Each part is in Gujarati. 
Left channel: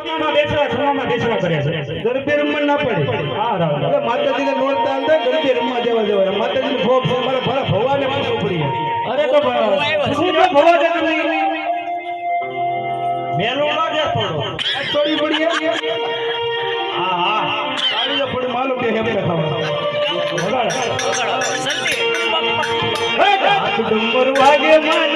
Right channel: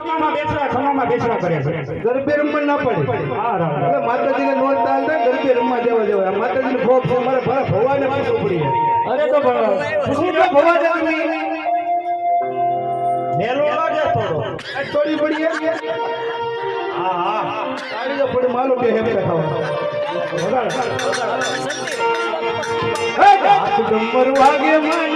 ખમામાં બેસવા ખમામાં બેસવા કરે છે. ગરબે રમવા ના પડે. એટલે માતાજીને નોરતા અંદર ગરબે રમવા દેવા દેવા. માતાજીને ભોગ છે મારે ભલા ભવાને પૂછવું પડી અરે તો શું તો ભવા જતી મેલો લાગે થોડો. થોડી પડી હા હા. આવી તો થોડી માલો કે હેમ ખાવા. વગાડ. હાથ વાગે મન.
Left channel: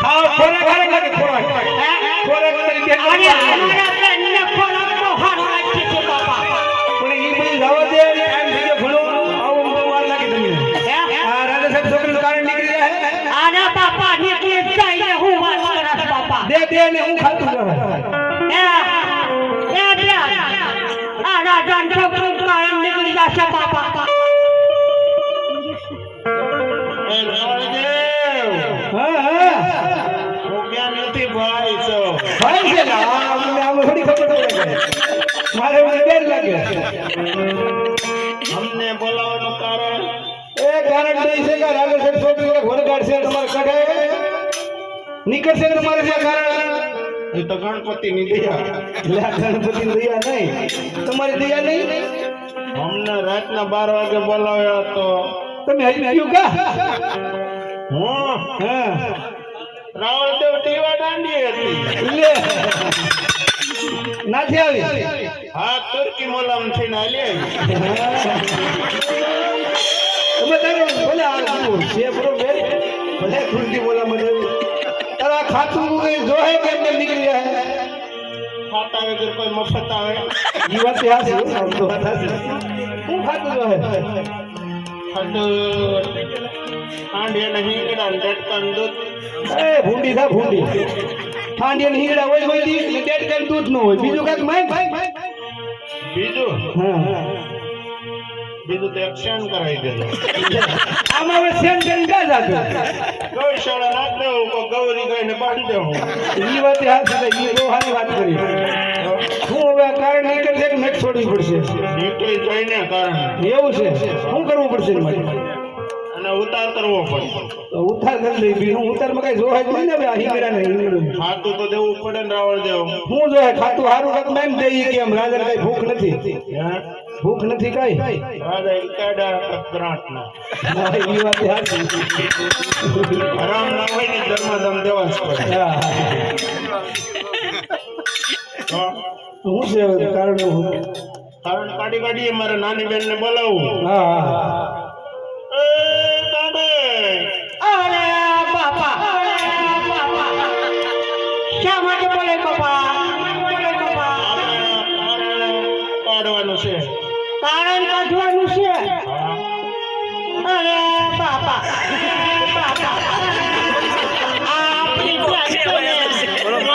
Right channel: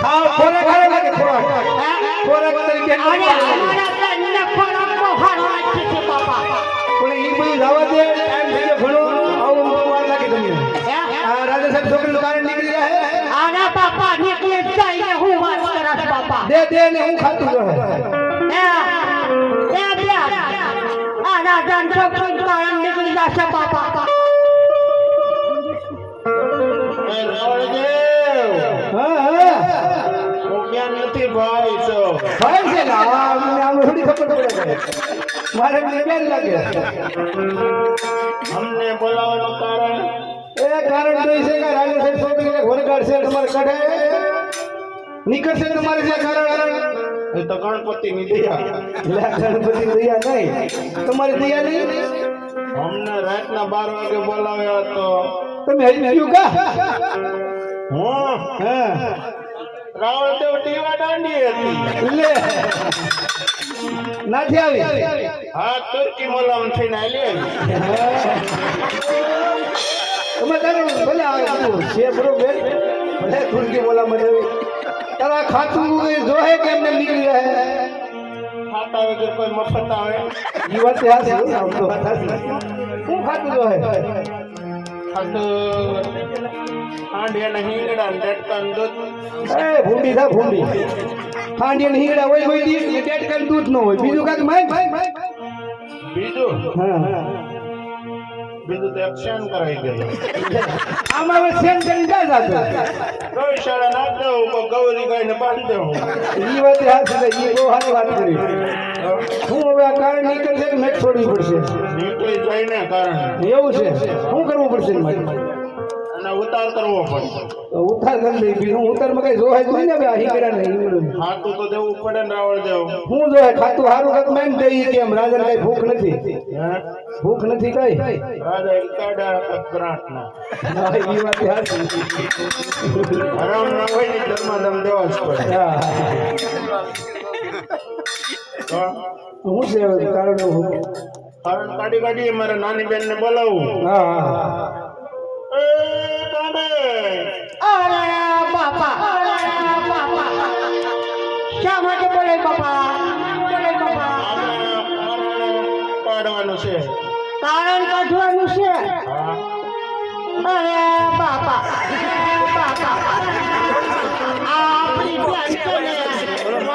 ખાવ ખોરાક ખાવા લાગે ખોરાક. ખોરાક. તરીકે પણ ઈ બધું જવા દે ટાઈમ થઈ ગયો ઘણો આવો બહુ વાર લાગે તમને. આ રાજા સાહેબ છોકરીનું કારણ નીકળી જાય દે દે ને હું ખાતું રહે. હા? છે ને આમ થોડી ખબર પડે. મારે મને ડર લાગે અમને બોલાવવાનું કારણ? એ કારણ એ છે કે રાજા સાહેબ છોકરીને ઘોર કાઢશે તમારે કાઢે. નીકળશે તમારે છે કારણ. એ તો ગણપતિ ની દયા. ગણપતિ દયા નહીં. તમારી દયા નહીં? અમને રાતના બાર વાગે બોલાવ્યા તો તમે હજી પીયું કા? હું? હા. રાવણદેવ ટીવા દાંડી હતી. લે. નથી આવી. હા તુર્કી મોલામ થઈને આલી તમે તારું ભલે આ છે બરોબર? ભલે તુર્કી મોલામ મને તારા ખાતું જોહે કે ને નીકળી રહે? ખાતા વગર કોઈ મફત આવે? ઈ વાત છે હો, ખાતું જોહે? ખાતું આંડિયા ને હિંગડા ને ભૂંડી થા ભૂંડી ને હીંગડા હોય હોય દી ડેટ કઈ દૂધ ન હોય બીજું કાંઈક માય ભાઈ બીજું હા બીજું તો એક્શન કરાવી દેજો આમાં હવે સેન કરીને ક્યાં જાતો ગૌશાળા નાખ દેવું ગૌરી ગાયને બાંધી દેવું ઈ વાત હાથ ઈ બહુ સારી વાત કરી. હું હવે આ કારણ નીકળશે કે નટ છોડવી પડશે. એવું છે? શું કરવું પડશે? અને ઉતાર કરવો પડે ઉતાર કરી દઈ બીજું ઉતારમાં કઈ જોવા જ નહીં ને આ ખાતું તો દેવું પડે ને રાવણ દેવ. હું જોય ખાતું સારું મેં એમ દઈએ કે એમ રાજા કઈ ભૂખ નથી. હે? ભૂખ નથી કઈ? રાજા કેડા ગ્રાન્ટ ના હા, વાત હાચી. હરામ ના હોય ને ધર્માદમ દેવા જ પડે. હા. છે કારણ હું કારણ કાઢી કાઢી મારે નાની બેન ને બોલાવું. હા કાઢવાનું છે. કારણ કાઢવાનું છે? અરે બાપા. બાપા આપણી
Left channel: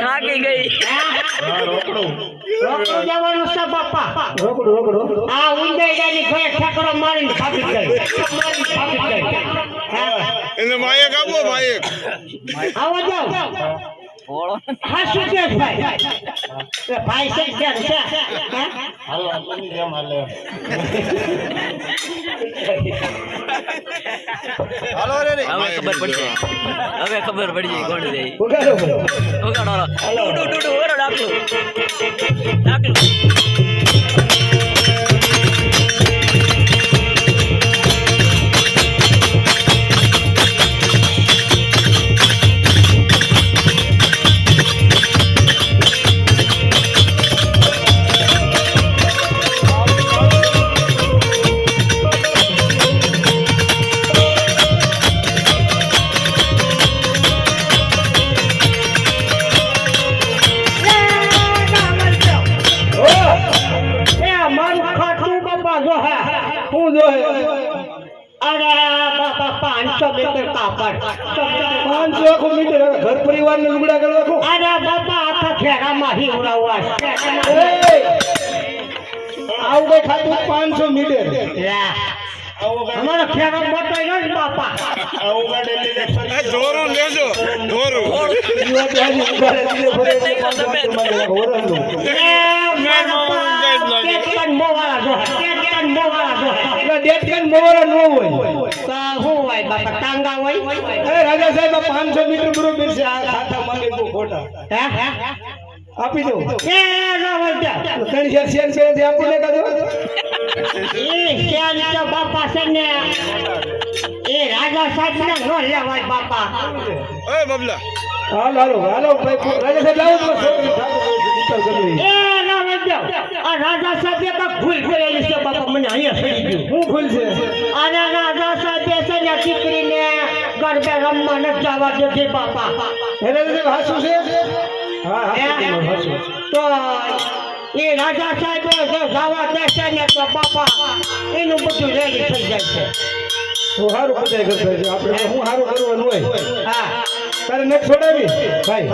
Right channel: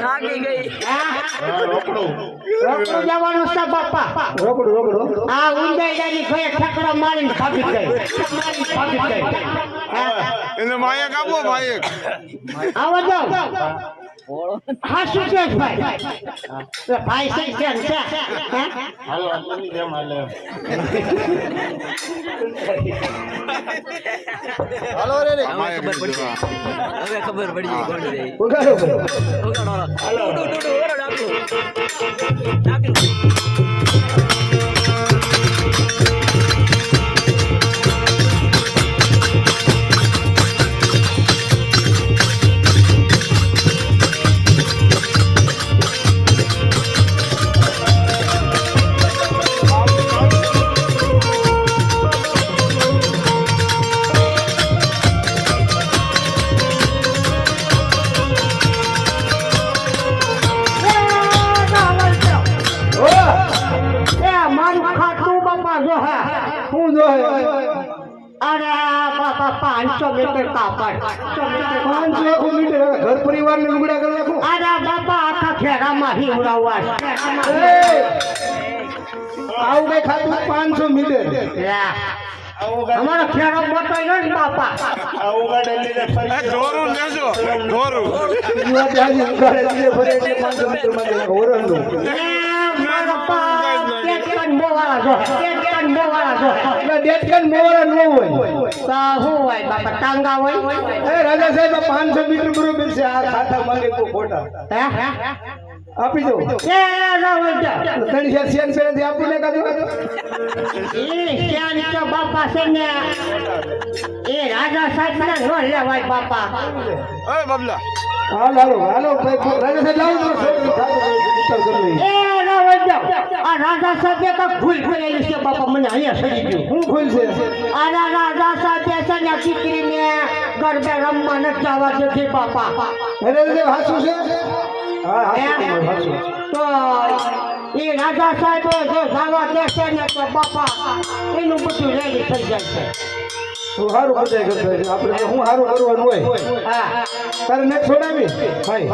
થાકી ગઈ. હા, રોકડું રોકડો રોકડો આ ઉંદાઈડાની ઘોડે ઠેકડો મારીને ભાગી ગઈ. હા એને માયક આપો માયક. આવો જાઓ. હા શું છે ભાઈ. ભાઈ છે કેમ છે. હાલો આટલી જેમ હાલે હાલો રે રે. હવે ખબર પડશે હવે ખબર પડી જાય કોણ રે ઉગાડો ભાઈ હાલો ડુ ડુ ડુ વગાડો ડાકલું. ડાકલું. પરિવાર ને લુગડા કરવા કો અરે બાપા આખા ખેરામાં હી ઉડાવવા આવું કઈ ખાતું પાંચસો મીટર. લે, આવો ગાડી અમારો ખેરો મોટો ગયો ને બાપા. આવો ગાડી ઢોરું લેજો. ઢોરું. ઈ જો મોવાળા એટલે મોવારા હોય તો શું હોય બાપા ટાંગા હોય? એ રાજા સાહેબ આ પાંચસો મીટર બરોબર છે આ ખાતા માંગે બહુ ખોટા. હે? હે આપી દો. એ ત્રણ ને શ્યામ તો બાપા છે ને એ રાજા સાહેબ ને નો લેવાય બાપા. એ બબલા. હાલ હાલો હાલો ભાઈ રાજા સાહેબ લાવો તો. એ આ રાજા સાથે કાંઈક ભૂલ કરેલી છે બાપા મને અહીંયા સડી ગયું. હું ભૂલ છે? આના રાજા સાથે છે ને દીકરીને ગરબે રમવા નથી જવા દેતી બાપા. એને લીધે હાચું છે? તો એ રાજા સાહેબ જો જવા દેશે ને તો બાપા એનું બધું રેડી થઈ જાય છે. હું સારું બધાય કરતા આપણે હું કરવાનું હોય. હા. તારે નેક્સ્ટ છોડાવી? ભાઈ.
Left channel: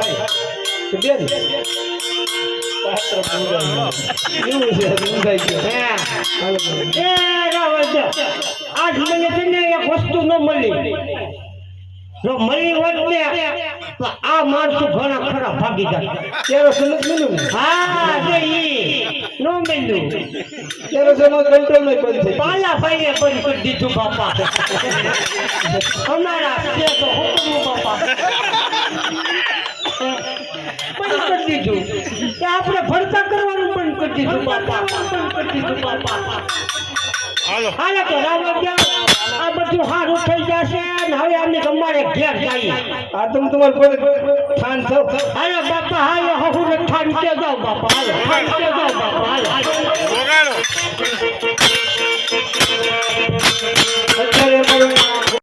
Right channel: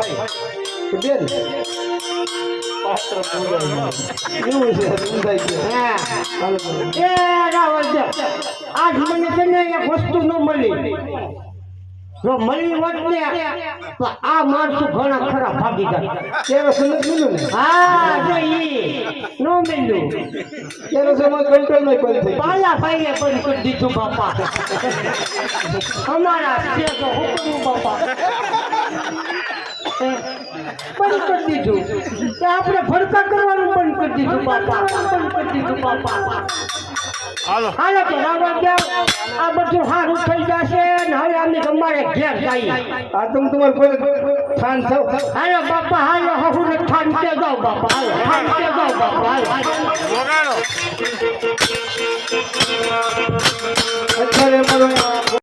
તો બેન એવું છે ઊંધાઈ ગયો હા એ રાવણ આજ મને છે એક વસ્તુ ન મળી જો મળી હોત ને તો આ માણસો ઘણા ખરા ભાગી જાય તેરો સનત મિલું ને હા જો ઈ નો મળ્યું તેરો સમાજ કંટ્રોલ નહીં બંધ થઈ પાલા ભાઈએ બંધ કરી દીધું બાપા અમારા છે હુકમ બાપા બંધ કરી દીધું. કે આપણે ફરતા કરવાનું પણ કરી દીધું બાપા. બંધ કરી દીધું બાપા હાલો. હાલો તો બાબા ગયા. આ બધું સારું થઈ જશે ને હવે અમે અમારે ઘેર જાય આ તમે તમારે કોઈ ઠાન છો? હાલો બાપા હાલો હું ને ઠાન કે જાઓ બાપા. હાલો ઠાન કે જાઓ બાપા. હાલો. અત્યારે